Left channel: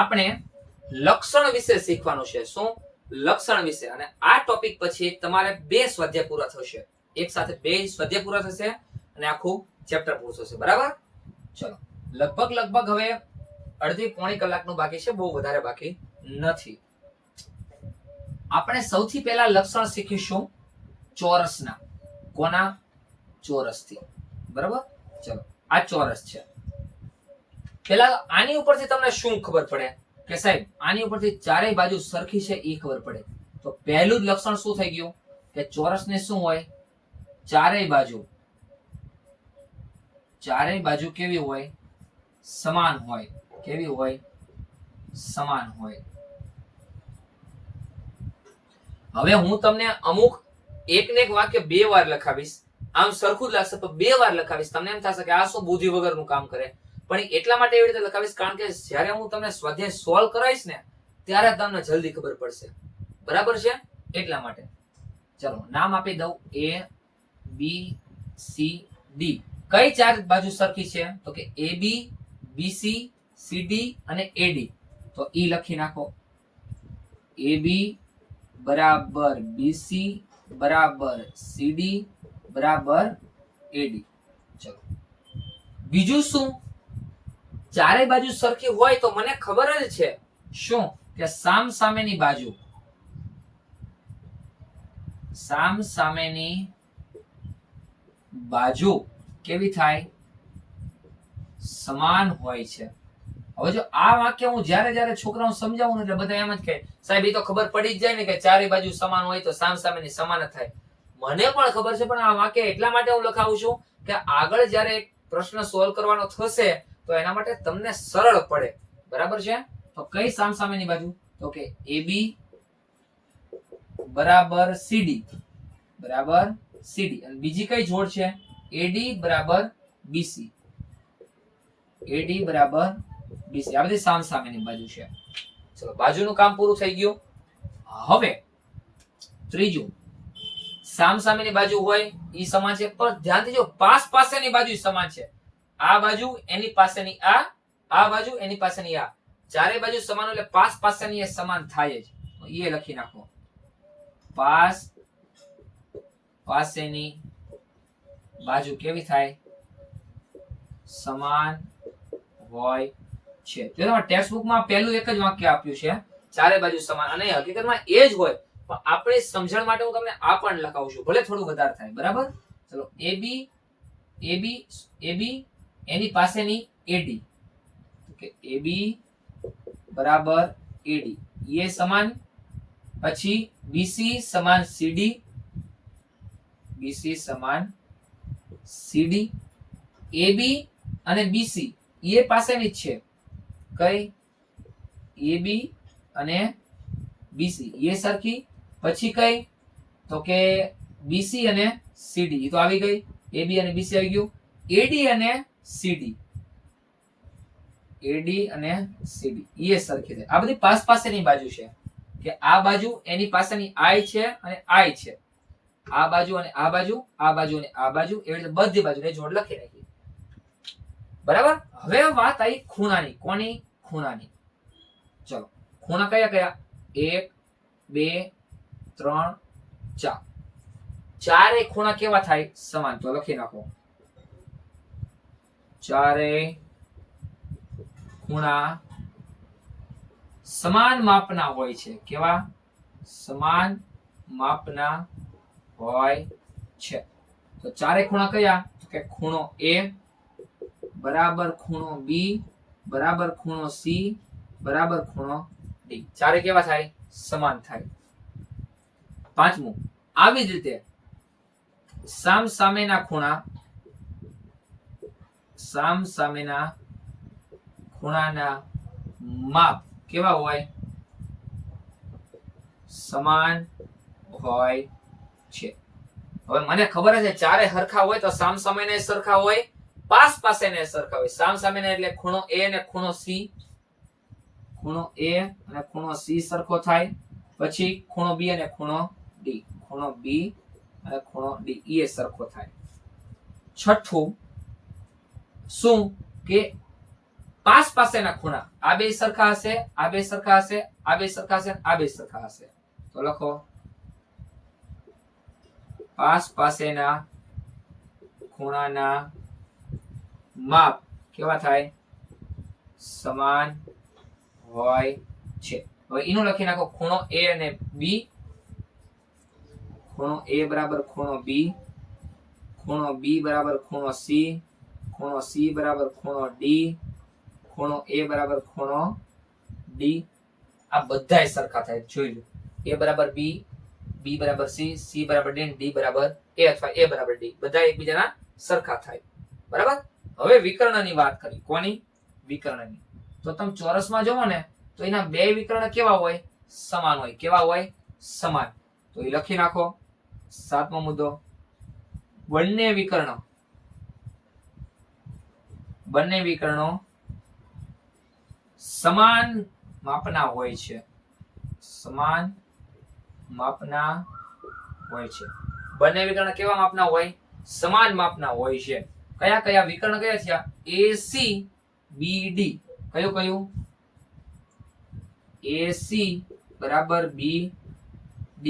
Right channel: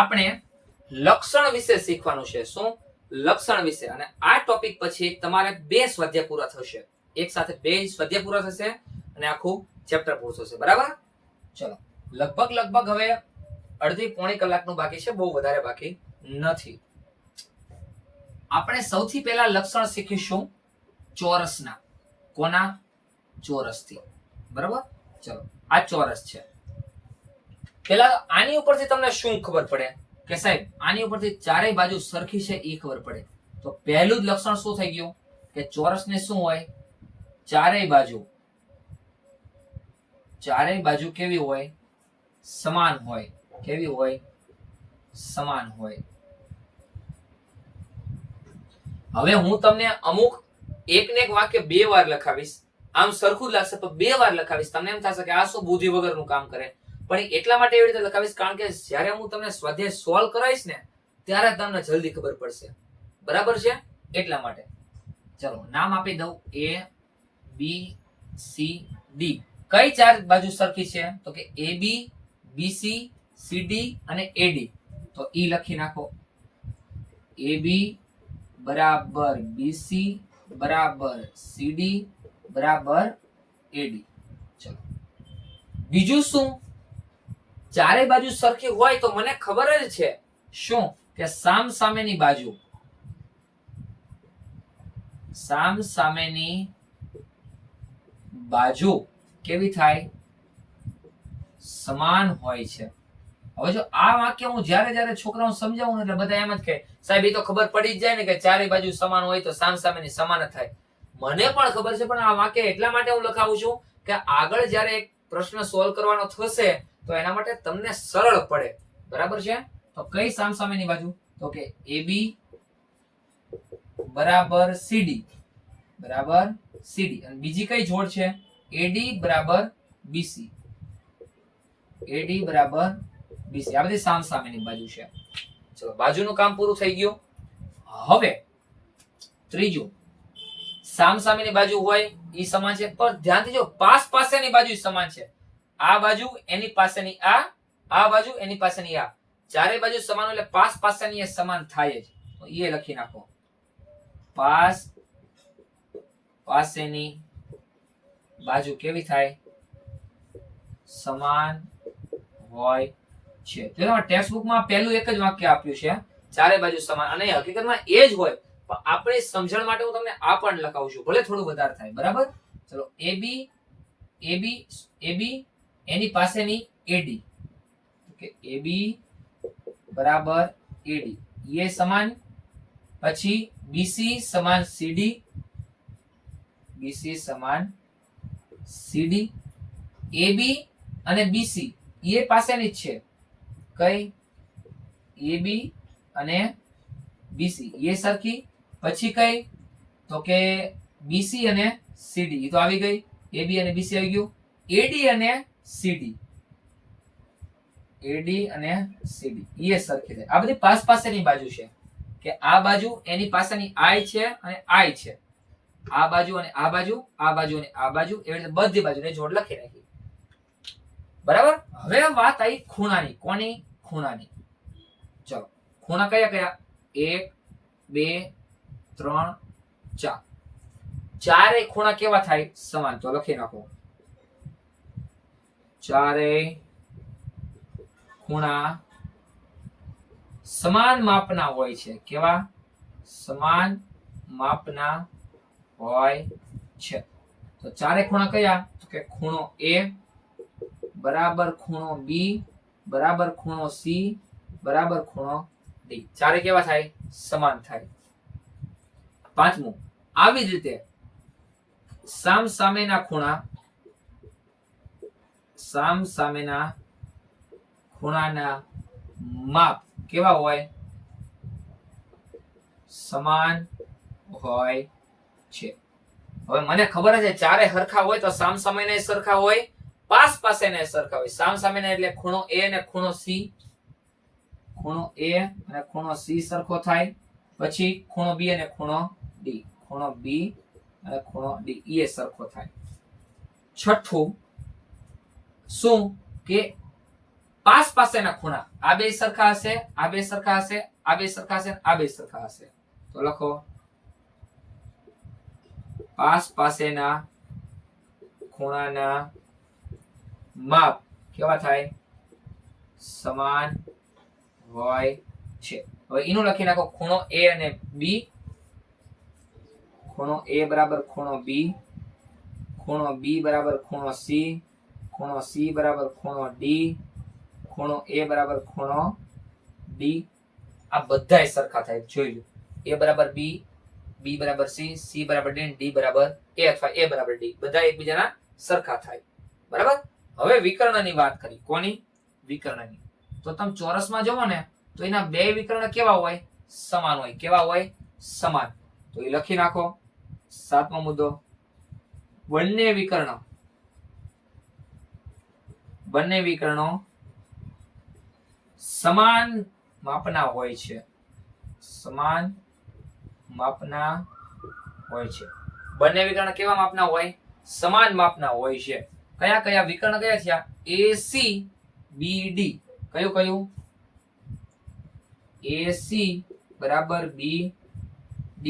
આપણે લક્ષણ વિશે શીખવાનું છે. શું? લક્ષણ વિશે. અને આ ટોપિક પછી તમારે 2 સ્વાધ્યાય પૂરા થશે. એક સાથે 2 સ્વાધ્યાય પૂરા થશે અને આખું ચેપ્ટર પૂરું થશે. બરાબર? ચલો, લગભગ હવે અડધી પોણી કલાકનું બાકી છે, બહુ વધારે બાકી નથી. આપણે સૌથી પહેલા લક્ષણ શીખીશું ચોરસના. કોના? ચોરસથી. બરાબર? ચલો, આ ચોરસ છે. પહેલા આની ઉપરથી તમને શું ખબર પડે કે સાહેબ આની ઉપરથી ચારેય બાજુ સરખી છે એ ખબર પડે. તો પહેલું જ લક્ષણ શું થઈ ગયું કે ચોરસને શું હોય? ચારેય બાજુ કેવી હોય? સમાન હોય. કેવી હોય? સમાન હોય. હવે હું તમને અમુક એક ને એક વાક્ય 2 વાર લખાવીશ. આમ સરખું જ લાગશે પણ 2 વાર લખાવીશ. તમને એમ થશે કે આ શું બુદ્ધિ વગરનું કામ કરે, પણ એટલા માટે એવી રીતે લખાવીશ કારણ કે જ્યારે હું તમને સ્વાધ્યાય સોલ્વ કરાવીશ ને ત્યારે તમને જલ્દી ખબર પડશે. બરાબર છે? એટલા માટે. ચલો, નામ આપી દઉં. A B C D. કઈ ચાર બાજુ સરખી છે? તો કે AB BC CD અને AD. તો ઈ લખી નાખો. AB બરાબર BC બરાબર CD બરાબર AD. ચલો, બીજું શું? ચારેય બાજુ સરખી હોય તો મને ખબર જ છે શું કે સામસામેની બાજુ કેવી થાય? સમાન હોય છે. હવે જો આ વાક્ય હું જ્યારે છોકરાઓને સમજાવું એટલે બધા એમ જ કહે સાહેબ એ તો ખબર પડી જ જાય ને કે ચારેય બાજુ સમાન હોય તો સામસામેની સમાન જ થાય. મને પણ ખબર છે, પણ આ વાક્ય એટલા માટે હું લખાવું છું કે આગળ જ્યારે એક પ્રશ્ન સોલ્વ કરવાનો થશે તો એના માટે તમને સરળ પડે. બરાબર છે? તો કઈ સામસામેની બાજુ? તો કે AB બરાબર CD બરાબર CD. અને બીજી કઈ જોડ છે? AD બરાબર BC. AD બરાબર BC. આ બધી સામસામેની બાજુ છે. ચલો, બાજુનું કામ પૂરું થઈ ગયું. હવે ત્રીજું, સામસામેની બાજુ હોય ઈ સમાન છે, પણ ધ્યાનથી જો પાસેની બાજુ સમાન છે. આ બાજુ એની પાસેની આ બાજુ એની પાસેની આ. ચારે બાજુ સમાન એટલે પાસેની એ સમાન થાય જ. તો એ લખી નાખો. પાસેની બાજુ કેવી થાય? સમાન હોય છે. જો તમારા ટેક્સ્ટ બુકમાં પહેલું એક જ વાક્ય આપ્યું છે, ચારે બાજુ સમાન, અને હકીકતમાં એ જ હોય, પણ આપણે સમજણ માટે હું તમને આ પણ લખાવું છું, ભલે થોડું વધારે થાય. બરાબર? ચલો, AB એની પાસેની AD. કે AB બરાબર AD એ સમાન. પછી BC સમાન CD. BC સમાન CD. AB અને BC એ પાસેની જ છે. કઈ? AB અને BC એ સરખી. પછી કઈ? તો કે BC અને CD એ તો આવી ગઈ. AB અને BC આવી ગયું. AD અને CD. AD અને CD એ સરખી થાય. આ બધી પાસેની બાજુ છે કે આ બાજુ એની પાસેની I છે અને I છે. આ બાજુ અને આ બાજુ, આ બાજુ અને આ બાજુ, એવી રીતે બધી બાજુને જોડ લખી નાખી. બરાબર? હવે વાત આવી ખૂણાની. કોની? ખૂણાની. ચલો, ખૂણા કયા કયા? 1 2 3 4. ચારે ખૂણા કેવા થાય? સમાન. તો લખી નાખો. ચારે ખૂણા સમાન માપના હોય છે. કેવા? સમાન માપના હોય છે. તો ચારે ખૂણા કયા? તો કે ખૂણો A બરાબર ખૂણો B બરાબર ખૂણો C બરાબર ખૂણો D. ચારે કેવા થાય? સમાન થાય. પાંચમું, આવી જ રીતે સામસામેના ખૂણાના માપ કેવા હોય? સમાન હોય છે. હવે મને ખબર છે ચારે સરખા હોય તો સામસામેના સરખા હોય, પાસેના સરખા હોય. સામસામેના એટલે ખૂણો A અને ખૂણો C. ખૂણો A અને ખૂણો C સરખો થાય. પછી ખૂણો B અને ખૂણો D. ખૂણો B અને ખૂણો D એ સરખો થાય. છઠ્ઠું શું કે પાસ પાસેના ખૂણા આ બે સરખા હશે, આ બે સરખા હશે, આ બે સરખા હશે, આ બે સરખા હશે. તો લખો પાસ પાસેના ખૂણાના માપ કેવા થાય? સમાન હોય છે. હવે એનું લખી નાખો ખૂણો A અને B. ખૂણો A બરાબર ખૂણો B, ખૂણો B બરાબર ખૂણો C, ખૂણો C બરાબર ખૂણો D, ખૂણો A બરાબર ખૂણો D. આ બધાય સરખા થાય. જોઈ લો. A બરાબર B, B બરાબર C, C બરાબર D, D બરાબર A અથવા A બરાબર D. બધા એકબીજાના સરખા થાય. બરાબર? હવે વિકર્ણની વાત કરી. કોની? વિકર્ણની. તો તમે ચોરસમાં જોવો ને તો એના બે વિકર્ણ કેવા હોય? સમાન હોય. કેવા હોય? સમાન. તો એ લખી નાખો. સાતમો મુદ્દો, બંને વિકર્ણો સમાન માપના હોય છે. સમાન માપના હોય છે. બંને વિકર્ણ કેવા માપના હોય? સમાન માપના હોય છે. કયા કયા વિકર્ણ કયા થયા? AC BD. કયું કયું? AC બરાબર BD.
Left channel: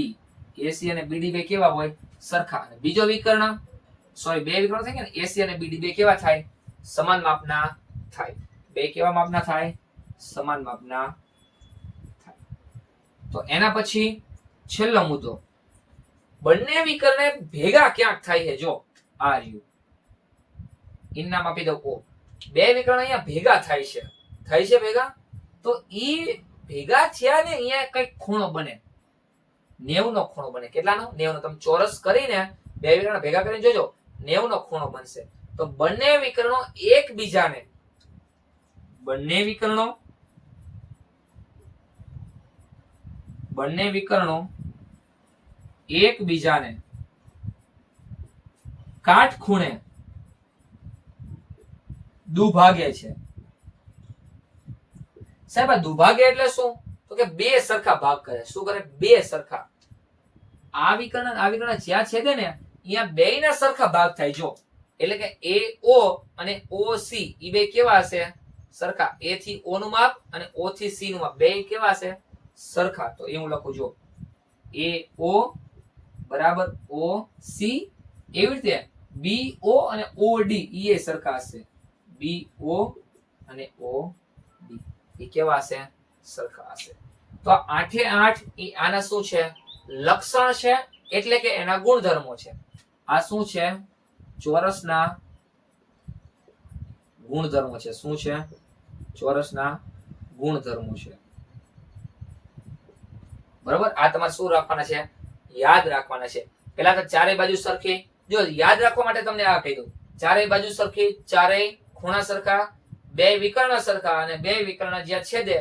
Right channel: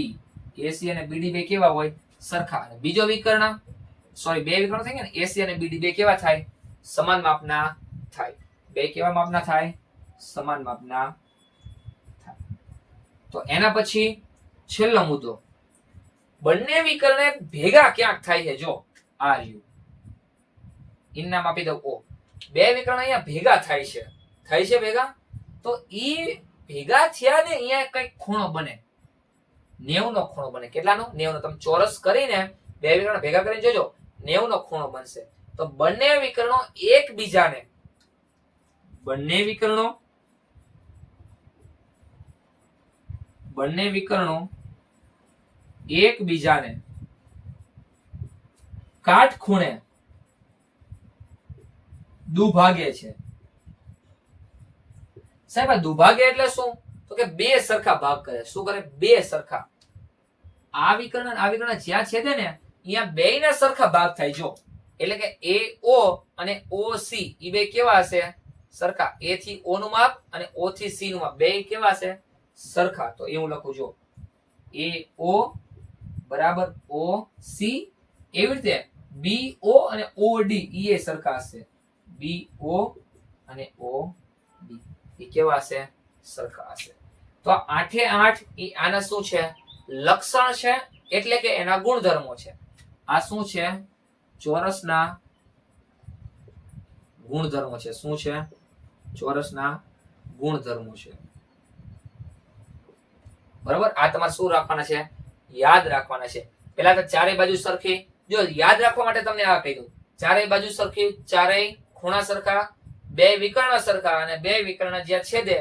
AC અને BD બે કેવા હોય? સરખા. અને બીજો વિકર્ણ બે વિકર્ણ થાય ને, AC અને BD બે કેવા થાય? સમાન માપના થાય. બે કેવા માપના થાય? સમાન માપના થાય. તો એના પછી છેલ્લો મુદ્દો, બંને વિકર્ણ ભેગા ક્યાંક થાય છે. જો આ રહ્યું, એનું નામ આપી દઉં O. બે વિકર્ણ અહીંયા ભેગા થાય છે. થાય છે ભેગા? તો ઈ ભેગા થયા ને અહીંયા કઈક ખૂણો બને. 90 નો ખૂણો બને. કેટલાનો? 90 નો. તમે ચોરસ કરીને બે વિકર્ણ ભેગા કરીને જોજો, 90 નો ખૂણો બનશે. તો બંને વિકર્ણો એકબીજાને કાટખૂણે દુભાગે છે. સાહેબ આ દુભાગે એટલે શું? તો કે બે સરખા ભાગ કરે. શું કરે? બે સરખા. આ વિકર્ણ અને આ વિકર્ણ જ્યાં છેદે ને અહીંયા બેયના સરખા ભાગ થાય. જો એટલે કે AO અને OC ઈ બે કેવા હશે? સરખા. A થી O નું માપ અને O થી C નું માપ બે કેવા હશે? સરખા. તો એ હું લખું. જો AO બરાબર OC. એવી રીતે BO અને OD ઈ એ સરખા હશે. BO અને OD એ કેવા હશે? સરખા હશે. તો 8 એ આના શું છે? લક્ષણ છે. એટલે કે એના ગુણધર્મો છે. આ શું છે? ચોરસના ગુણધર્મો છે. શું છે? ચોરસના ગુણધર્મો છે. બરાબર? આ તમારે શું રાખવાના છે? યાદ રાખવાના છે. પહેલા તો ચારે બાજુ સરખી. જો યાદ રાખવા માટે તમને આ કહી દઉં. ચારે બાજુ સરખી, ચારેય ખૂણા સરખા, બે વિકર્ણ સરખા અને બે વિકર્ણ જ્યાં છેદે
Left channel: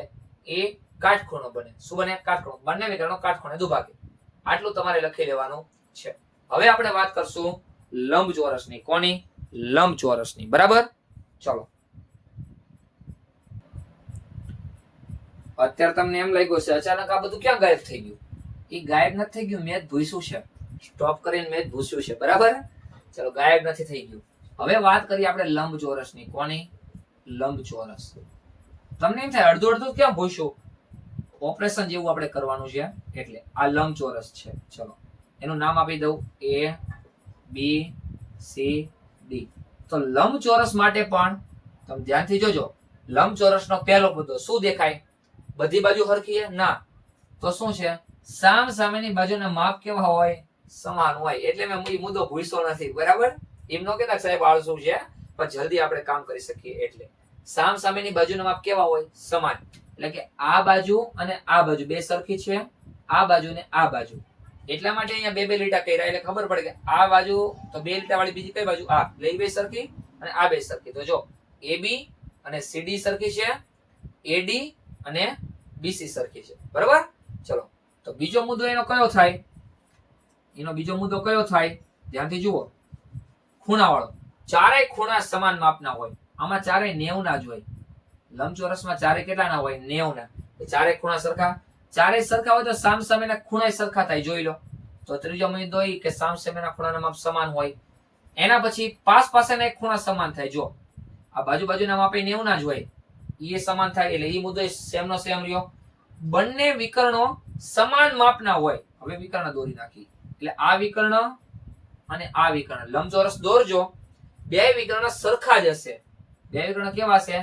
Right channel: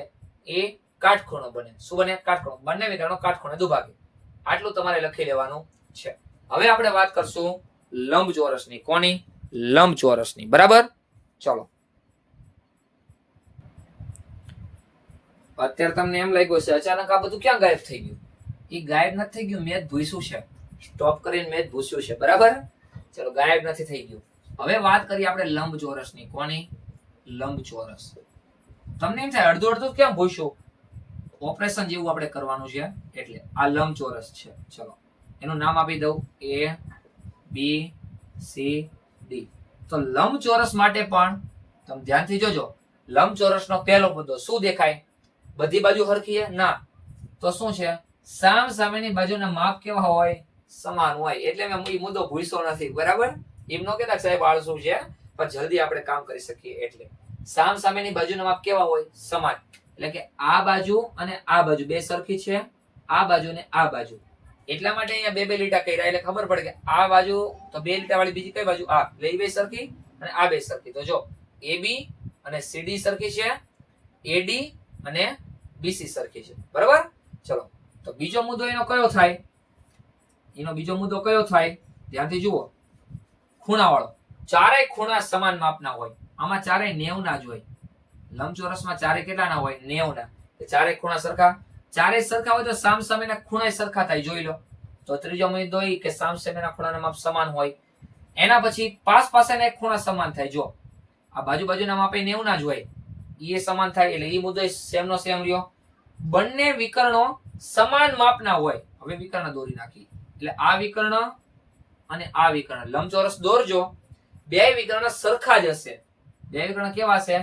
એ કાટખૂણો બને. શું બને? કાટખૂણો. બંને વિકર્ણો કાટખૂણે દુભાગે. આટલું તમારે લખી લેવાનું છે. હવે આપણે વાત કરશું લંબચોરસની. કોની? લંબચોરસની. બરાબર? ચલો. અત્યારે તમને એમ લાગ્યું છે અચાનક આ બધું ક્યાં ગાયબ થઈ ગયું? એ ગાયબ નથી થઈ ગયું, મેં જ ભૂસ્યું છે. સ્ટોપ કરીને મેં જ ભૂસ્યું છે. બરાબર? ચલો, ગાયબ નથી થઈ ગયું. હવે વાત કરીએ આપણે લંબચોરસની. કોની? લંબચોરસ. તમને એમ થાય અડધું અડધું ક્યાં ભૂસ્યું? ઓપરેશન જેવું આપણે કરવાનું છે એટલે. આ લંબચોરસ છે. ચલો, એનું નામ આપી દઉં ABCD. તો લંબચોરસ માટે પણ તમે ધ્યાનથી જોજો. લંબચોરસનો પહેલો મુદ્દો શું દેખાય? બધી બાજુ હરખી છે? ના. તો શું છે? સામ સામેની બાજુના માપ કેવા હોય? સમાન હોય. એટલે મેં મુદ્દો ભૂસ્યો નથી. બરાબર? એમ નો કહેતા સાહેબ આળસુ છે, પણ જલ્દી આપણે કામ કરી શકીએ એટલે. સામ સામેની બાજુના માપ કેવા હોય? સમાન. એટલે કે આ બાજુ અને આ બાજુ બે સરખી છે, આ બાજુ ને આ બાજુ. એટલા માટે અહીંયા બે બે લીટા કર્યા એટલે ખબર પડે કે આ બાજુ તો બે લીટા વાળી બીજી કઈ બાજુ? આ. એટલે બે સરખી અને આ બે સરખી. તો જો AB અને CD સરખી છે, AD અને BC સરખી છે. બરાબર? ચલો, તો બીજો મુદ્દો એનો કયો થાય? ધ્યાનથી જુઓ. ખૂણાવાળો. ચારેય ખૂણા સમાન માપના હોય. આમાં ચારેય 90 ના જ હોય. લંબચોરસમાં ચારે કેટલાના હોય? 90 ના. ચારે ખૂણા સરખા. ચારે સરખા હોય તો સામ સામેના ખૂણા સરખા થાય. જોઈ લો. તો ત્રીજો મુદ્દો એ કે સામ સામેના ખૂણાના માપ સમાન હોય. એના પછી પાસ પાસેના એક ખૂણા સમાન થાય. જો આ બાજુ બાજુના માપ 90 ના જ હોય. એ સમાન થાય એટલે એ મુદ્દો સેમ નો સેમ રહ્યો. બંને વિકર્ણો સમાન માપના હોય. હવે વિકર્ણ દોરી નાખી એટલે આ વિકર્ણ અને આ વિકર્ણ લંબચોરસ દોરજો. બે વિકર્ણ સરખા જ હશે. બે વિકર્ણ કેવા છે?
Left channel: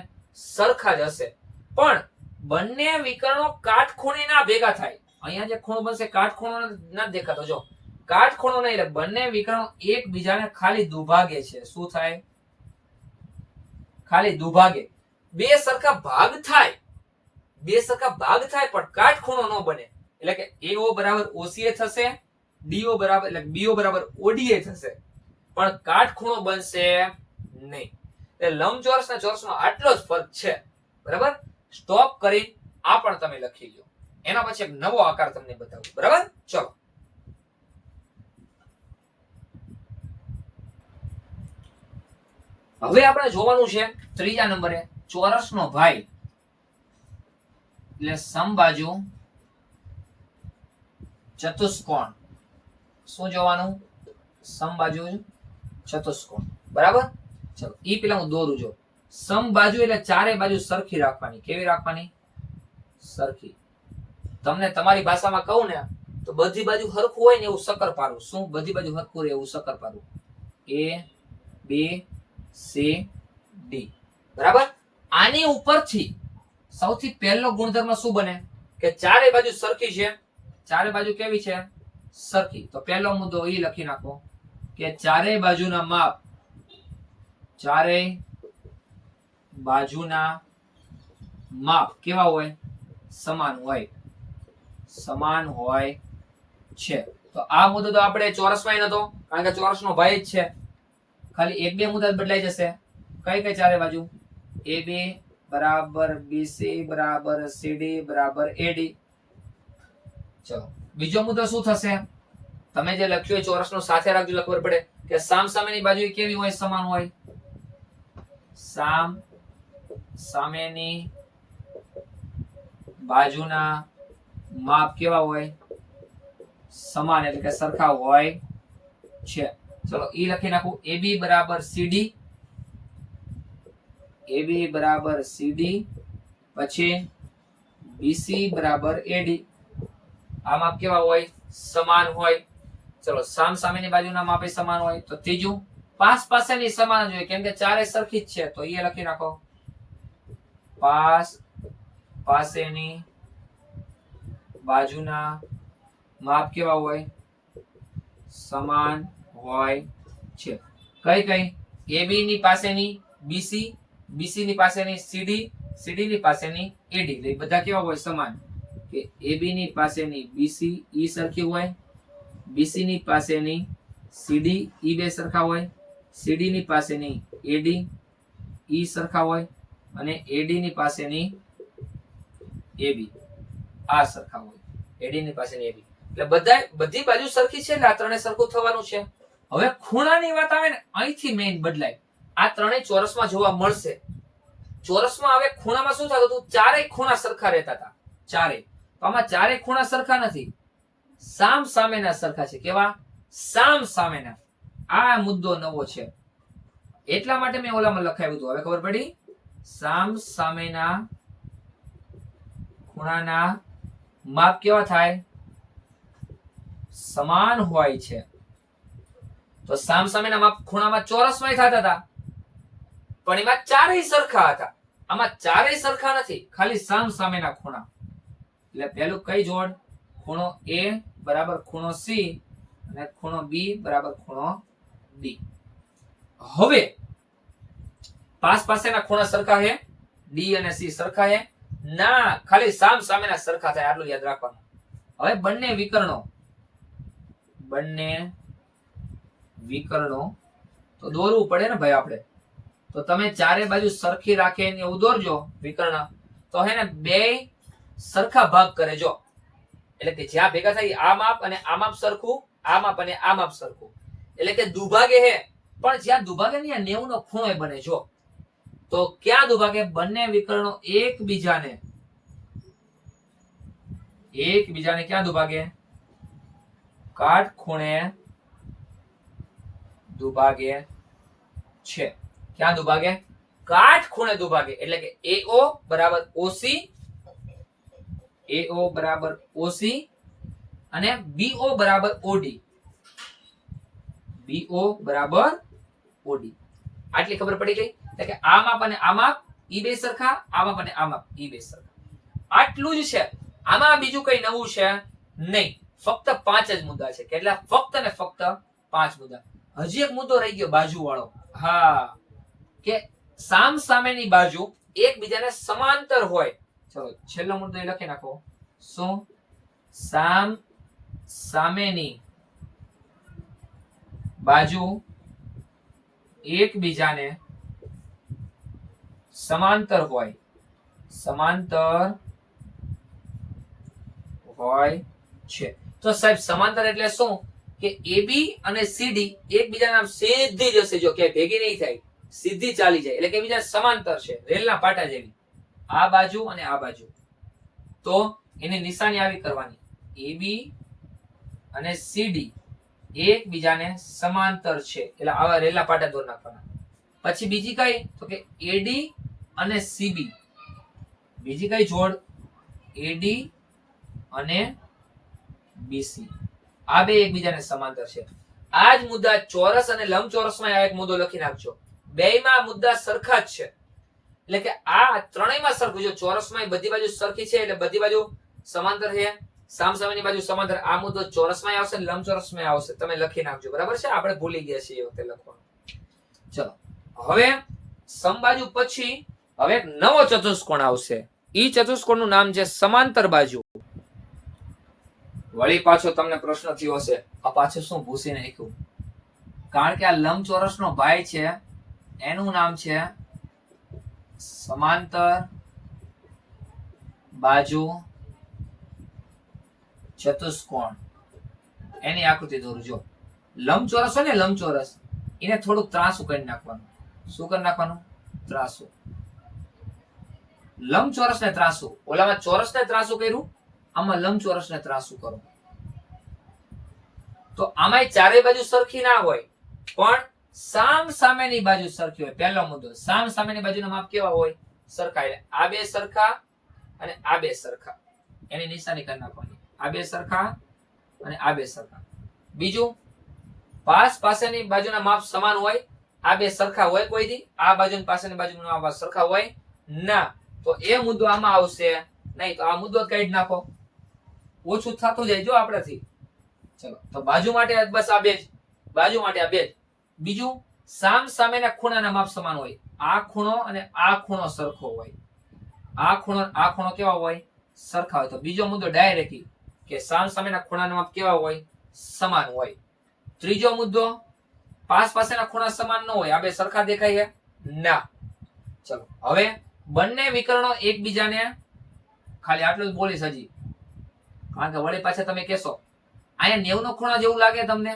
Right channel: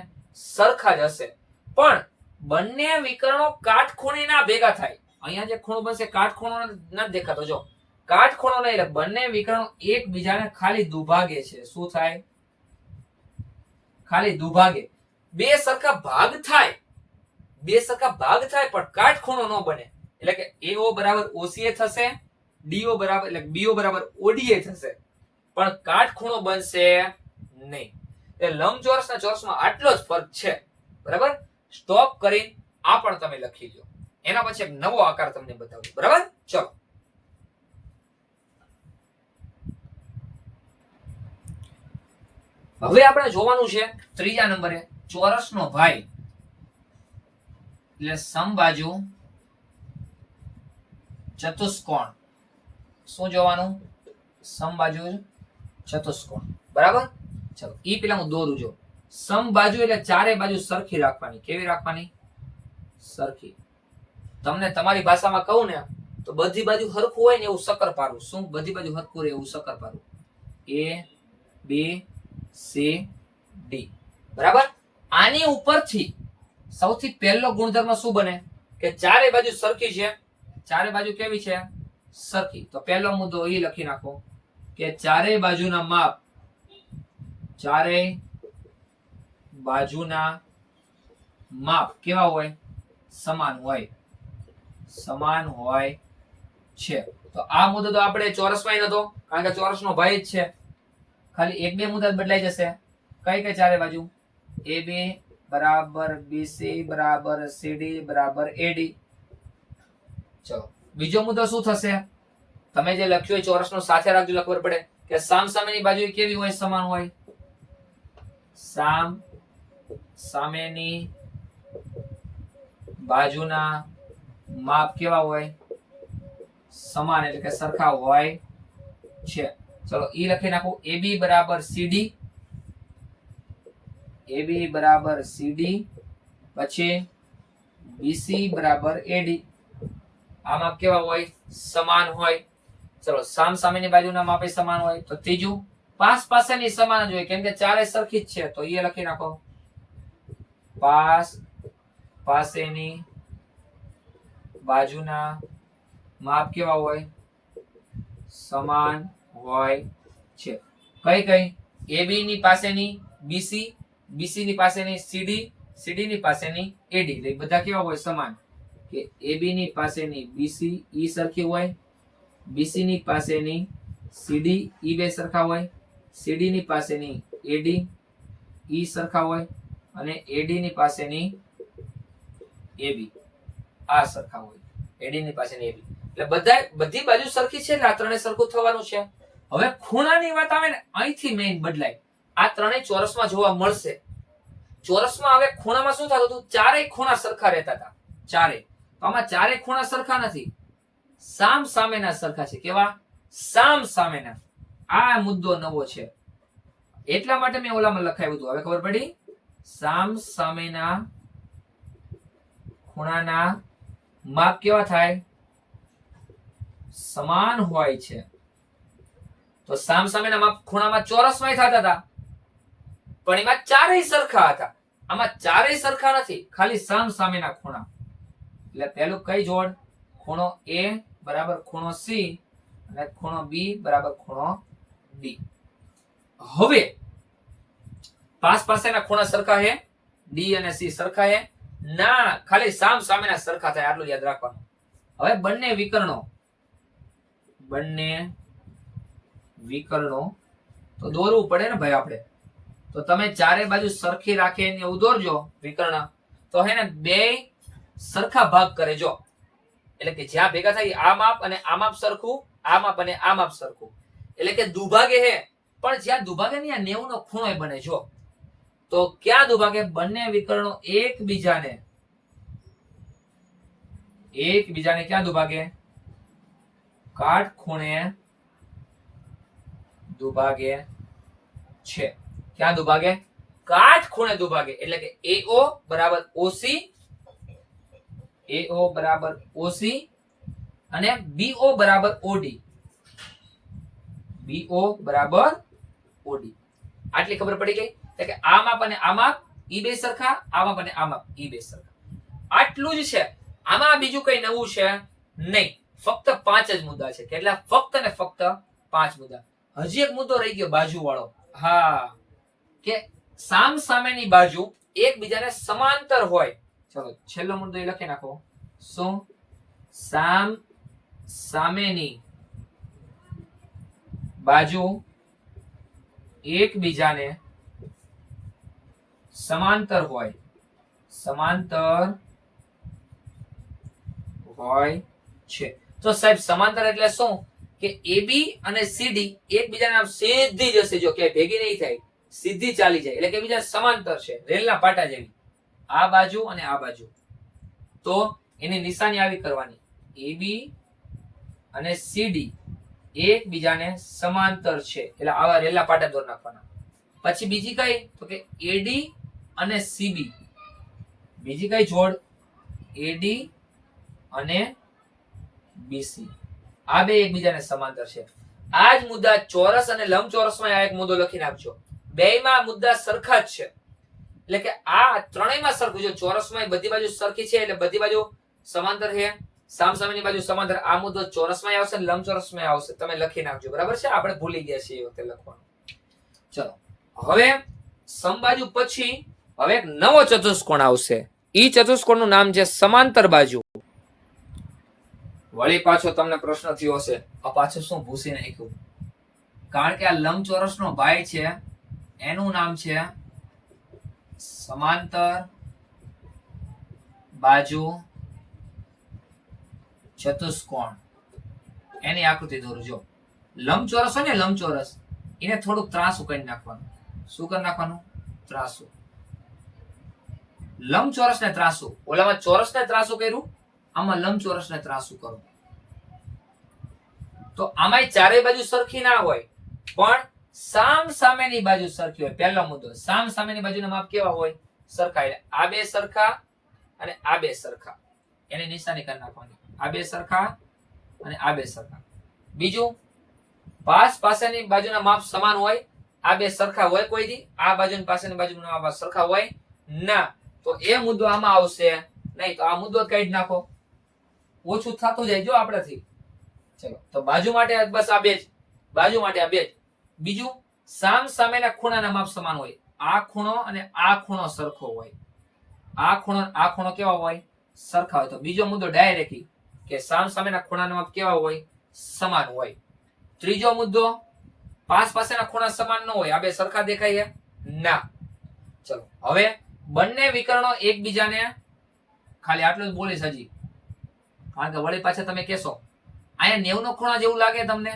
સરખા જ હશે. પણ બંને વિકર્ણો કાટખૂણે ના ભેગા થાય. અહીંયા જે ખૂણો બનશે કાટખૂણો નથી દેખાતો. જો કાટખૂણો નહીં એટલે બંને વિકર્ણો એકબીજાને ખાલી દુભાગે છે. શું થાય? ખાલી દુભાગે. બે સરખા ભાગ થાય. બે સરખા ભાગ થાય પણ કાટખૂણો ન બને. એટલે કે AO બરાબર OCA થશે, DO બરાબર એટલે BO બરાબર ODA થશે. પણ કાટખૂણો બનશે નહીં. એટલે લંબચોરસ અને ચોરસમાં આટલો જ ફરક છે. બરાબર? સ્ટોપ કરી આ પણ તમે લખી લો. એના પછી એક નવો આકાર તમને બતાવું. બરાબર? ચલો. હવે આપણે જોવાનું છે ત્રીજા નંબરે ચોરસનો ભાઈ એટલે સમબાજુ ચતુષ્કોણ. શું જોવાનું? સમબાજુ ચતુષ્કોણ. બરાબર? ચલો ઈ પેલા હું દોરું જો. સમબાજુ એટલે ચારે બાજુ સરખી રાખવાની. કેવી રાખવાની? સરખી. તમને તમારી ભાષામાં કહું ને તો બધી બાજુ હરખું હોય ને એવું શક્કરપારું. શું બધી બાજુ હરખું રહે એવું શક્કરપારું? A B C D. બરાબર? આની ઉપરથી સૌથી પહેલો ગુણધર્મ શું બને? કે ચારે બાજુ સરખી છે. ચારે બાજુ કેવી છે? સરખી. તો પહેલો મુદ્દો એ લખી નાખો કે ચારે બાજુના માપ, ચારે બાજુના માપ કેવા હોય? સમાન હોય. સમાન હોય છે. તો આ મુદ્દો તો આપણે ચોરસમાં નતો, કારણ કે ચોરસનો ભાઈ જ છે. ખાલી એક બે મુદ્દા બદલાઈ જશે. કઈ કઈ ચારે બાજુ? AB બરાબર BC બરાબર CD બરાબર AD. ચલો બીજો મુદ્દો શું થશે? તમે જે લખ્યું હોય ચોરસનો સાથે રાખજો એટલે ખબર પડે કે સામ સામેની બાજુ કેવી હોય? સમાન હોય. સામ સામેની બાજુના માપ કેવા હોય? સમાન એટલે કે સરખા હોય છે. ચલો ઈ લખી નાખું. AB બરાબર CD, AB બરાબર CD, પછી BC બરાબર AD. આ માપ કેવા હોય? સમાન હોય. ચલો સામ સામેની બાજુના માપે સમાન હોય. તો ત્રીજું પાસ પાસેની સમાન જ હોય કેમ કે ચારે સરખી જ છે. તો એ લખી નાખો. પાસ પાસેની બાજુના માપ કેવા હોય? સમાન હોય છે. કઈ કઈ? AB ની પાસેની BC, BC ની પાસેની CD, CD ની પાસેની AD. એટલે બધા કેવા હોય? સમાન. કે AB ની પાસેની BC ઈ સરખી હોય, BC ની પાસેની CD ઈ બે સરખા હોય, CD ની પાસેની AD ઈ સરખા હોય અને AD ની પાસેની AB આ સરખા હોય. AD ની પાસેની AB એટલે બધી બાજુ સરખી છે એટલે આ ત્રણે સરખું થવાનું છે. હવે ખૂણાની વાત આવે ને અહીંથી મેઈન બદલાય. આ ત્રણેય ચોરસમાં જોવા મળશે. ચોરસમાં હવે ખૂણામાં શું થતું હતું? ચારેય ખૂણા સરખા રહેતા હતા. ચારેય. તો આમાં ચારેય ખૂણા સરખા નથી. સામ સામેના સરખા છે. કેવા? સામ સામેના. આ મુદ્દો નવો છે. એટલા માટે મેં ઓલામાં લખાવ્યું હતું. હવે ખબર પડી? સામ સામેના ખૂણાના માપ કેવા થાય? સમાન હોય છે. તો સામ સામેના માપ ખૂણામાં ચોરસમાં થતા હતા પણ એમાં ચારેય સરખા હતા. આમાં ચારેય સરખા નથી, ખાલી સામ સામેના ખૂણા. એટલે પહેલું કઈ જોડ? ખૂણો A બરાબર ખૂણો C અને ખૂણો B બરાબર ખૂણો D. હવે પાસ પાસેના ખૂણા સરખા છે? D અને C સરખા છે? ના, ખાલી સામ સામેના સરખા થાય. આટલું યાદ રાખવાનું. હવે બંને વિકર્ણો તો દોરવું પડે ને ભાઈ આપણે. તો તમે ચારે બાજુ સરખી રાખીને એવું દોરજો વિકર્ણ. તો હે ને બે સરખા ભાગ કરે જો. એટલે કે જ્યાં ભેગા થાય આ માપ અને આ માપ સરખું, આ માપ અને આ માપ સરખું. એટલે કે દુભાગે હે પણ જ્યાં દુભાગે ને 90 નો ખૂણો બને જો. તો ક્યાં દુભાગે? બંને વિકર્ણો એકબીજાને ક્યાં દુભાગે? કાટખૂણે દુભાગે છે. ક્યાં દુભાગે? કાટખૂણે દુભાગે એટલે કે AO બરાબર OC, AO બરાબર OC અને BO બરાબર OD, BO બરાબર OD. આટલી ખબર પડી ગઈ એટલે કે આ માપ અને આ માપ ઈ બે સરખા, આ માપ અને આ માપ ઈ બે સરખા. આટલું જ છે, આમાં બીજું કઈ નવું છે નહીં, ફક્ત 5 જ મુદ્દા છે. કેટલા? ફક્ત ને ફક્ત 5 મુદ્દા. હજી એક મુદ્દો રહી ગયો બાજુ વાળો. હા, કે સામ સામેની બાજુ એકબીજાને સમાંતર હોય. ચલો છેલ્લો મુદ્દો એ લખી નાખો. શું? સામ સામેની બાજુ એકબીજાને સમાંતર હોય, સમાંતર હોય છે. તો સાહેબ સમાંતર એટલે શું? કે AB અને CD એકબીજાના આમ સીધી જશે, જો કે ભેગી નહીં થાય, સીધી ચાલી જાય એટલે કે એકબીજા સમાંતર છે, રેલના પાટા જેવી. આ બાજુ અને આ બાજુ, તો એની નિશાની આવી કરવાની, AB અને CD એકબીજાને સમાંતર છે એટલે આવા રેલના પાટા દોરી નાખવાના. પછી બીજી કઈ? તો કે AD અને CB, બીજી કઈ જોડ? AD અને BC, આ બે એકબીજાને સમાંતર છે. આ જ મુદ્દા ચોરસ અને લંબચોરસમાં આ એક મુદ્દો લખી નાખજો. બેયમાં મુદ્દા સરખા જ છે એટલે કે આ ત્રણેયમાં સરખું. જો ચોરસમાં બધી બાજુ સરખી છે એટલે બધી બાજુ સમાંતર છે, સામસામેની બાજુ સમાંતર. આ મુદ્દો ચોરસમાં આવશે ને લંબચોરસમાં આવશે. તમે લખી નાખજો, બરાબર છે? આપણે ભૂલી ગયા છીએ એ વખતે લખવાનું. ચલો હવે સમબાજુ પછી હવે એક નવો ચતુષ્કોણ આવશે. ઈ ચતુષ્કોણનું નામ છે સમાંતર બાજુ. વળી પાછો તમને પ્રશ્ન થયો હશે, આ પાછું શું ભૂસી નાખ્યું? કારણ કે આ લંબચોરસનો ભાઈ છે, એનું નામ છે સમાંતર બાજુ ચતુષ્કોણ. એની આકૃતિ દોરું. જો લંબચોરસ હોય ને, લંબચોરસ, એને થોડુંક ત્રાસું કરી નાખવાનું. શું કરી નાખવાનું? ત્રાસું. લંબચોરસ ને ત્રાસું. ઓલામાં ચોરસ ને ત્રાસું કર્યું, આમાં લંબચોરસ ને ત્રાસું કરો. તો આમાં ચારેય બાજુ સરખી ના હોય, પણ સામ સામેની બાજુ સરખી હોય. પહેલો મુદ્દો, સામ સામેની બાજુના માપ કેવા હોય? સરખા. એટલે આ બે સરખા અને આ બે સરખા, એની નિશાની કરી નાખવાની. આ બે સરખા અને આ બે સરખા. બીજું, પાસ પાસેની બાજુના માપ સમાન હોય, આ બે સરખા હોય કોઈ દી? આ બાજુ પાસેની બાજુના માપ સરખા હોય ના, તો એ મુદ્દો આમાં આવશે નહીં. તો આ મુદ્દો કાઢી નાખો, ઓછું થતું જાય જો આપણેથી. ચલો, તો બાજુ માટે બસ આ બે જ, બાજુ માટે આ બે જ. બીજું, સામ સામેના ખૂણાના માપ સમાન હોય. આ ખૂણો અને આ ખૂણો સરખો હોય. આ ખૂણો કેવા હોય? સરખા હોય. તો બીજો મુદ્દો ડાયરેક્ટ કે સામ સામેના ખૂણાના માપ કેવા હોય? સમાન હોય. ત્રીજો મુદ્દો, પાસ પાસેના ખૂણા સમાન ન હોય. આ બે સરખા દેખાય ના. ચલો હવે બંને વિકર્ણો એકબીજાને, ખાલી આટલું જ બોલીશ હજી, કારણ કે વળી પાછા તમે કહેશો અહીંયા 90 નો ખૂણો જેવું લાગે તમને,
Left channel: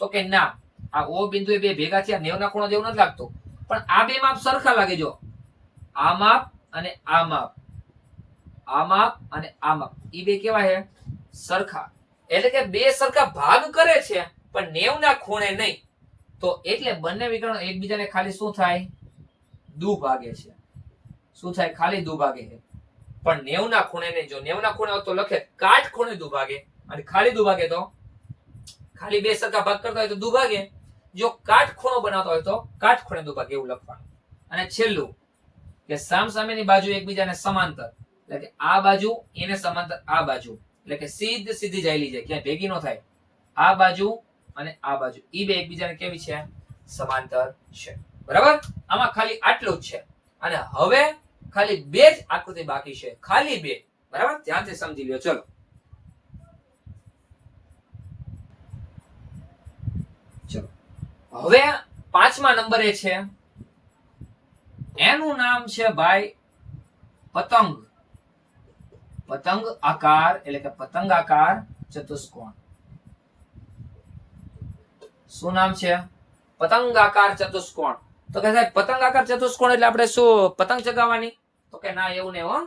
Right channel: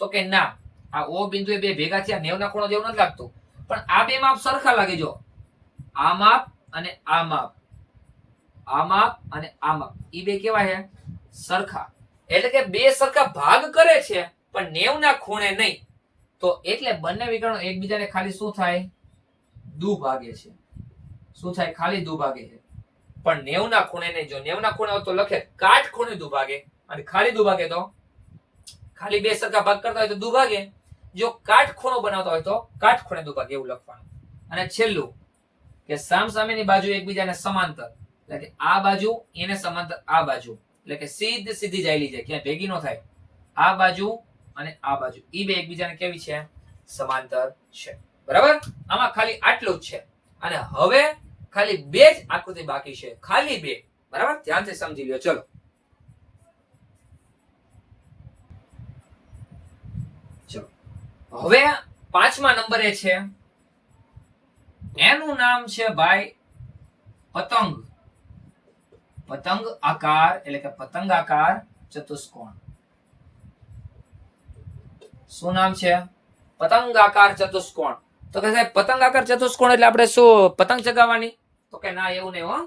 તો કે ના, આ O બિંદુ એ બે ભેગા થયા 90 ના ખૂણો જેવું નથી લાગતું, પણ આ બે માપ સરખા લાગે. જો આ માપ અને આ માપ, આ માપ અને આ માપ, ઈ બે કેવા છે? સરખા. એટલે કે બે સરખા ભાગ કરે છે પણ 90 ના ખૂણે નહીં. તો એટલે બંને વિકર્ણો એકબીજાને ખાલી શું થાય? દુભાગે છે. શું થાય? ખાલી દુભાગે છે, પણ 90 ના ખૂણે નહીં. જો 90 ના ખૂણે હોય તો લખે કાટખૂણે દુભાગે, અને ખાલી દુભાગે તો ખાલી બે સરખા ભાગ કરતા હોય તો દુભાગે. જો કાટખૂણો બનાવતા હોય તો કાટખૂણે દુભાગે, એવું લખવાનું. અને છેલ્લું, કે સામ સામેની બાજુ એકબીજાને સમાંતર, એટલે કે આ બાજુ એને સમાંતર આ બાજુ, એટલે કે સીધી જાયેલી જાય, ક્યાંય ભેગી ન થાય. આ બાજુ અને આ બાજુ ઈ બે એકબીજાને કેવી છે? સમાંતર છે. બરાબર? આમાં ખાલી આટલું જ છે. અને હવે ખાલી બે જ આકૃતિ બાકી છે, ખાલી બે. બરાબર? ધ્યાનથી સમજી લ્યો. ચલો હવે 5મા નંબરે છે, એનું નામ છે ભાઈ પતંગ. પતંગ આકાર એટલે કે પતંગાકાર ચતુષ્કોણ. શું નામ છે? પતંગાકાર ચતુષ્કોણ. તો કે સાહેબ પતંગાકાર ચતુષ્કોણ એટલે આપણે શું પતંગ ચગાવવાની? તો કે ના, એવું નહીં હો.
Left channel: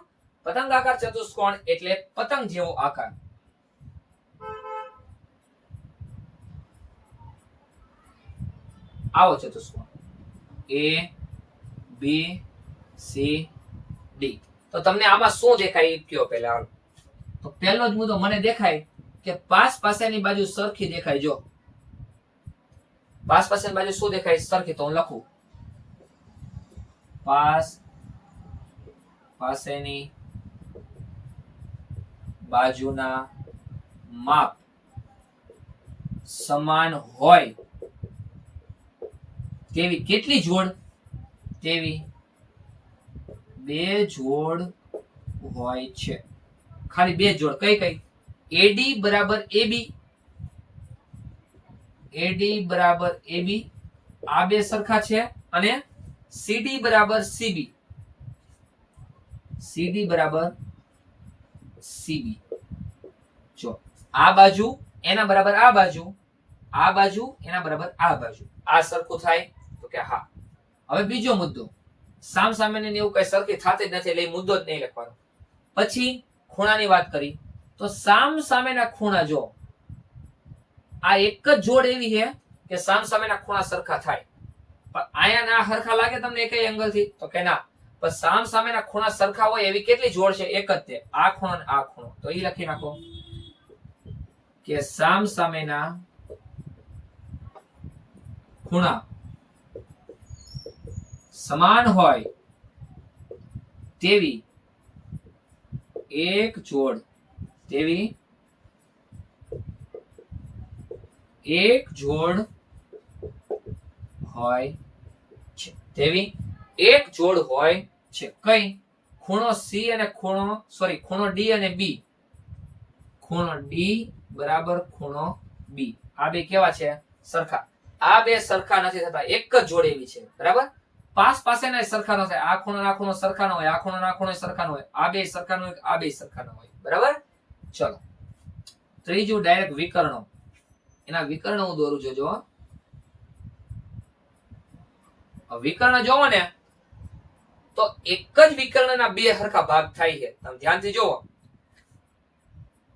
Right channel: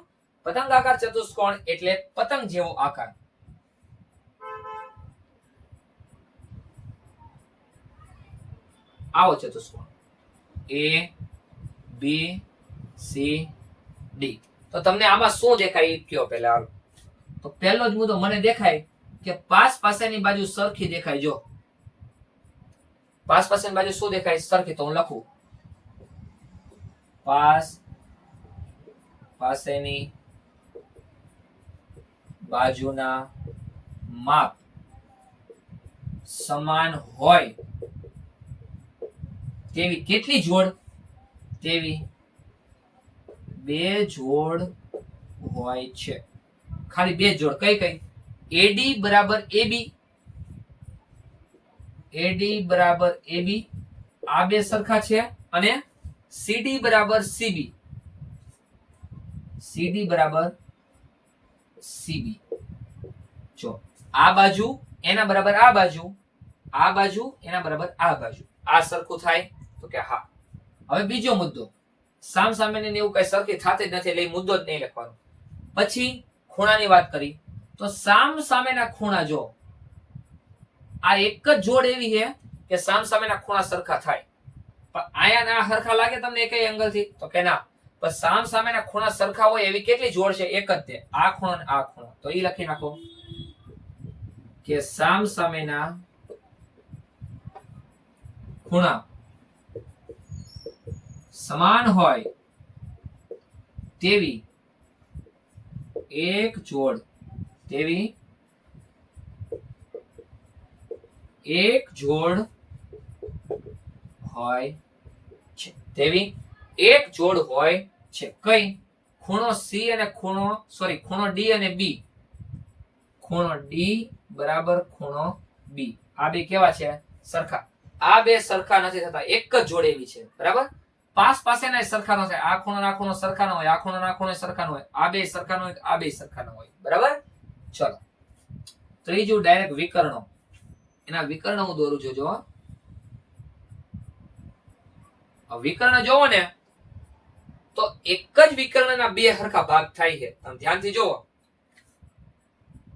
પતંગાકાર ચતુષ્કોણ એટલે પતંગ જેવો આકાર. આવો ચતુષ્કોણ A બી સી ડી. તો તમને આમાં શું દેખાય એ કયો પહેલા. હાલો, તો પહેલો જ મુદ્દો મને દેખાય કે પાસ પાસેની બાજુ સરખી દેખાય. જો પાસ પાસેની બાજુ શું દેખાય? સરખી. તો હું લખું પાસ પાસેની બાજુના માપ સમાન હોય તેવી કેટલી જોડ? તેવી બે જોડ હોય છે. ખાલી બે જોડ. કઈ કઈ? એડી બરાબર એબી, એડી બરાબર એબી, આ બે સરખા છે. અને સીડી બરાબર સીબી, સીડી બરાબર સીબી. જો આ બાજુ એના બરાબર આ બાજુ, આ બાજુ એના બરાબર આ બાજુ, આ સરખું થાય? તો કે હા. હવે બીજો મુદ્દો, સામ સામેની એવું કઈ સરખી થતી જ નથી એટલે એ મુદ્દો જ નહીં લખવાનો. પછી ખૂણાની વાત કરી તો સામ સામેના ખૂણા જો આ એક જ જોડ એવી છે કે સામ સામેના ખૂણા સરખા થાય. પણ આયા ના સરખા લાગે તમને એક એંગલ થી? તો કે ના. પણ સામ સામેના ખૂણા સરખા હોય એવી કેટલી જોડ છે? એક જ તે. આ ખૂણો અને આ ખૂણો. તો ઈ લખી નાખો કે સામ સામેના ખૂણા સમાન હોય તેવી એક જોડ, તેવી એક જોડ હોય છે. તેવી એક જોડ હોય છે. કઈ? ખૂણો સી અને ખૂણો ડી અને બી. ખૂણો ડી બરાબર ખૂણો બી. આ બે કેવા છે? સરખા. આ બે સરખા નથી થતા, એક જ જોડ એવી છે. બરાબર? પાસ પાસેના સરખા ન થાય. આ ખૂણો ના ખૂણો સરખા ન હોય, આ ખૂણો ના ખૂણો સરખા ન હોય, આ બે સરખા ન હોય, આ બે સરખા ન હોય. બરાબર? ચલો ત્રીજું ડાયરેક્ટ વિકર્ણો. એના વિકર્ણ હું દોરું છું. જો વિકર્ણ જોવો ને તો એક જ વિકર્ણના બે સરખા ભાગ થાય છે. તમે ધ્યાનથી જોવો.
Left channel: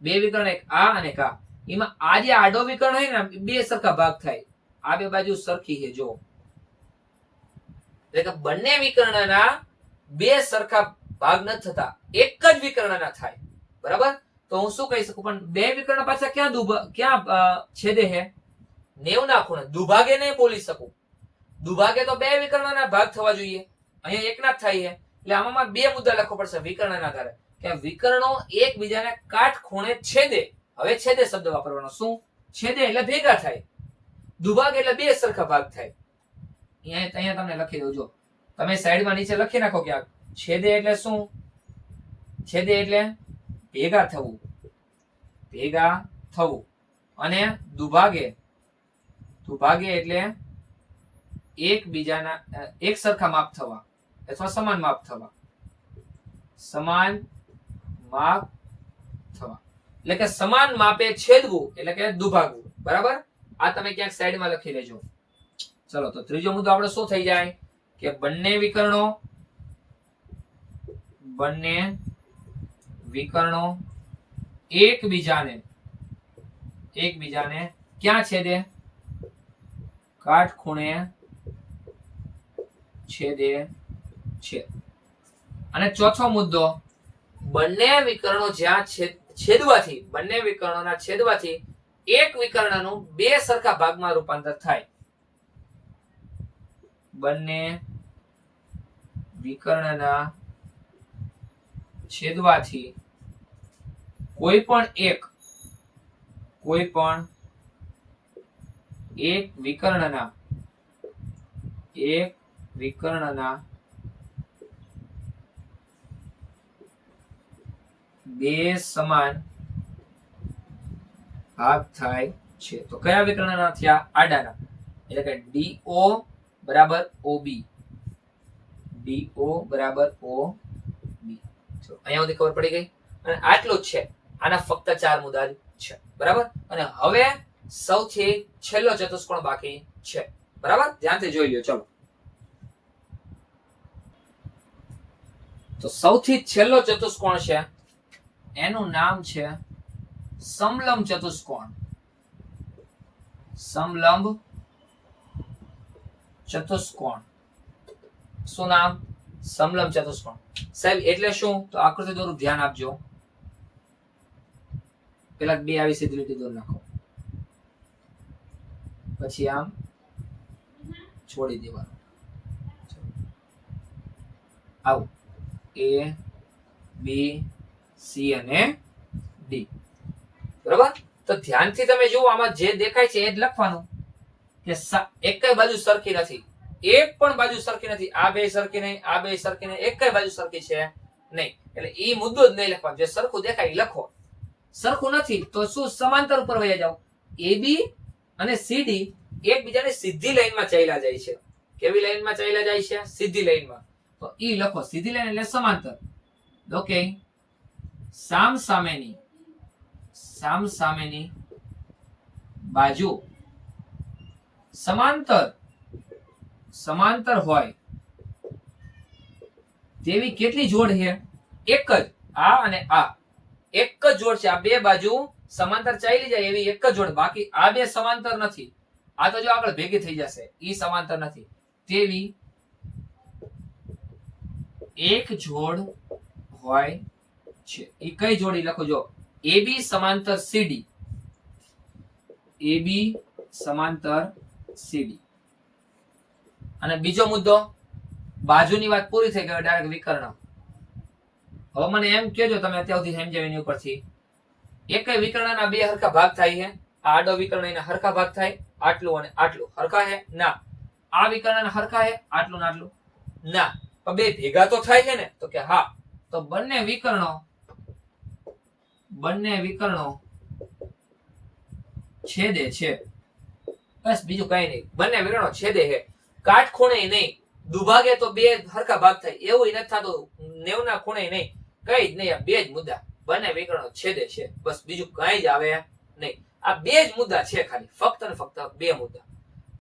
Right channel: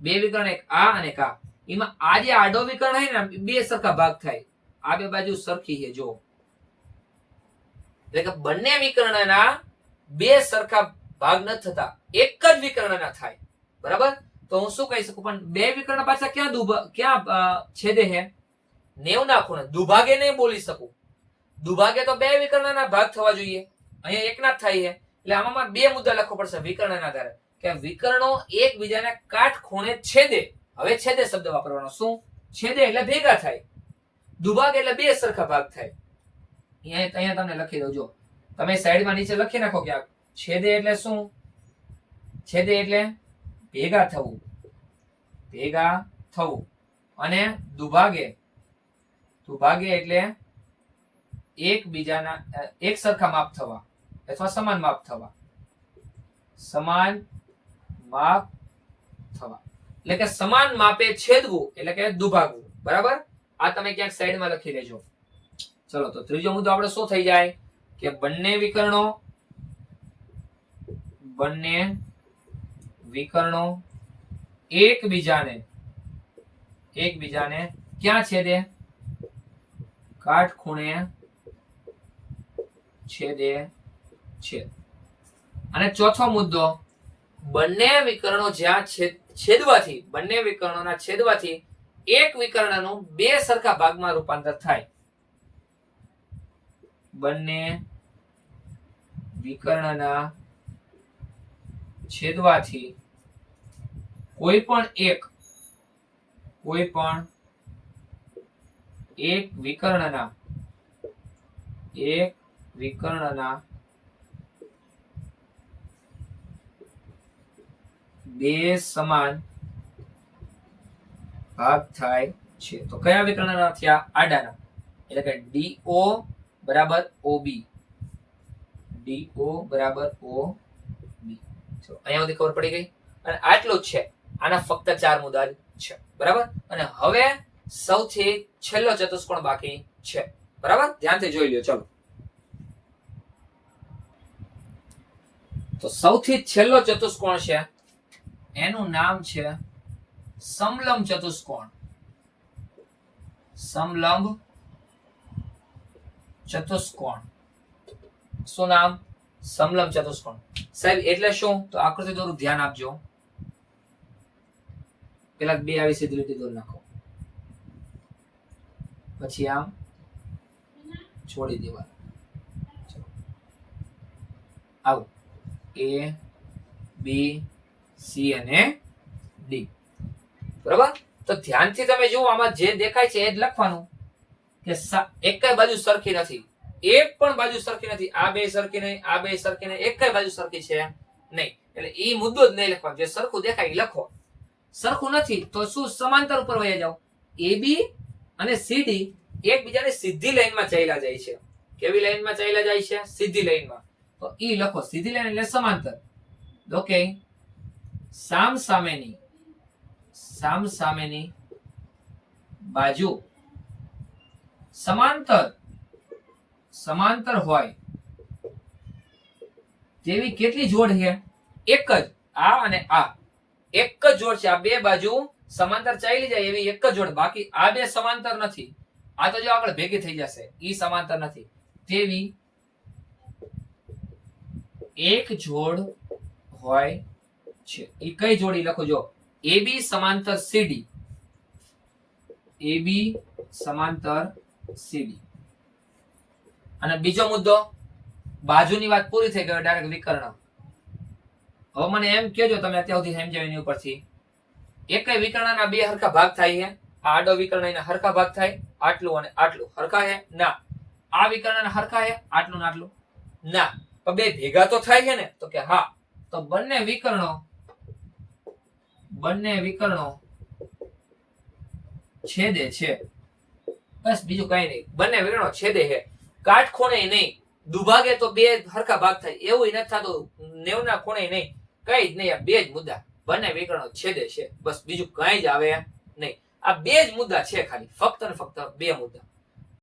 બે વિકર્ણ, એક આ અને એક આ. એમાં આ જે આડો વિકર્ણ છે ને બે સરખા ભાગ થાય. આ બે બાજુ સરખી છે. જો એટલે કે બંને વિકર્ણના બે સરખા ભાગ ન થતા, એક જ વિકર્ણના થાય. બરાબર? તો હું શું કહી શકું? પણ બે વિકર્ણ પાછા ક્યાં છેદે છે? 90 ના ખૂણે. દુભાગે નહીં બોલી શકું. દુભાગે તો બે વિકર્ણના ભાગ થવા જોઈએ, અહીંયા એકના જ થાય છે. એટલે આમાં બે મુદ્દા લખવો પડશે વિકર્ણના આધારે કે વિકર્ણો એકબીજાને કાટખૂણે છેદે. હવે છેદે શબ્દ વાપરવાનો. શું? છેદે એટલે ભેગા થાય. દુભાગ એટલે બે સરખા ભાગ થાય. અહીંયા તમને લખી દઉં. જો તમે સાઈડમાં નીચે લખી નાખો કે આ છેદે એટલે શું? છેદે એટલે ભેગા થવું, ભેગા થવું. અને દુભાગે, દુભાગે એટલે એકબીજાના એક સરખા માપ થવા અથવા સમાન માપ થવા, સમાન માપ થવા. એટલે કે સમાન માપે છેદવું એટલે કે દુભાગવું. બરાબર? આ તમે ક્યાંક સાઈડમાં લખી લેજો. ચલો તો ત્રીજો મુદ્દો આપણે શું થઈ જાય કે બંને વિકર્ણો એકબીજાને ક્યાં છેદે? કાટખૂણે છેદે છે. અને ચોથો મુદ્દો, બંને વિકર્ણો જ્યાં બંને વિકર્ણોના છેદવાથી એક વિકર્ણનું બે સરખા ભાગમાં રૂપાંતર થાય. બંને વિકર્ણના છેદવાથી કોઈ પણ એક વિકર્ણના બે સમાન ભાગ થાય છે. તો કયા વિકર્ણના થયા? આડાના. એટલે કે DO બરાબર OB, DO બરાબર OB. અહીંયા સુધી ખબર પડી ગઈ. અને આટલું જ છે. આના ફક્ત 4 મુદ્દા છે. બરાબર? અને હવે સૌથી છેલ્લો ચતુષ્કોણ બાકી છે. બરાબર? ધ્યાનથી જોઈ લ્યો. ચલો તો સૌથી છેલ્લો ચતુષ્કોણ છે એનું નામ છે સમલંબ ચતુષ્કોણ. સમલંબ ચતુષ્કોણ. શું નામ? સમલંબ ચતુષ્કોણ. સાહેબ એટલે શું? તો આકૃતિ દોરું, ધ્યાન આપજો. પેલા બે આવી સીધી લીટી દોરી નાખો, પછી આમ છોડી દેવાનું. આવું A B C અને D. બરાબર? તો ધ્યાનથી તમે જુઓ, આમાં જે દેખાય છે એ જ લખવાનું કે એકેય બાજુ સરખી નથી, એક પણ બાજુ સરખી નથી. આ બે સરખી નહીં, આ બે સરખી નહીં, એકેય બાજુ સરખી છે નહીં. એટલે એ મુદ્દો જ નહીં લખવાનો. જે સરખું દેખાય એ લખો. સરખું નથી તો શું? સમાંતર ઉપર વહી જાઓ. AB અને CD એકબીજાની સીધી લાઈનમાં ચાલ્યા જાય છે. કેવી લાઈનમાં ચાલ્યા જાય છે? સીધી લાઈનમાં. તો ઈ લખો. સીધી લાઈન એટલે સમાંતર. ઓકે. સામસામેની બાજુ સમાંતર હોય તેવી કેટલી જોડ છે? એક જ. આ અને આ એક જ જોડ છે. આ બે બાજુ સમાંતર ચાલી જાય એવી એક જ જોડ. બાકી આ બે સમાંતર નથી. આ તો જો આગળ ભેગી થઈ જશે. ઈ સમાંતર નથી. તેવી એક જોડ હોય છે. એ કઈ જોડી લખો? જો AB સમાંતર CD. AB સમાંતર CD. અને બીજો મુદ્દો, બાજુની વાત પૂરી થઈ ગઈ. ડાયરેક્ટ વિકર્ણ. હવે મને એમ કહેજો તમે અત્યાર સુધી સમજાવ્યું એની ઉપરથી, એકેય વિકર્ણના બે હરખા ભાગ થાય છે? આ આડો વિકર્ણ એના હરખા ભાગ થાય? આટલું અને આટલું હરખા છે? ના. આ વિકર્ણના હરખા છે? આટલું ને આટલું? ના. પણ બે ભેગા તો થાય છે ને? તો કે હા. તો બંને વિકર્ણો છેદે છે. બસ બીજું કઈ નહીં. બંને વિકર્ણો છેદે છે. કાટખૂણે નહીં, દુભાગે તો બે હરખા ભાગ થાય એવું નથી થતું. 90 ના ખૂણે નહીં, કઈ જ નહીં. આ બે જ મુદ્દા. બંને વિકર્ણો છેદે છે. બસ બીજું કઈ જ આવે નહીં. આ બે જ મુદ્દા છે ખાલી. ફક્ત ને ફક્ત બે મુદ્દા.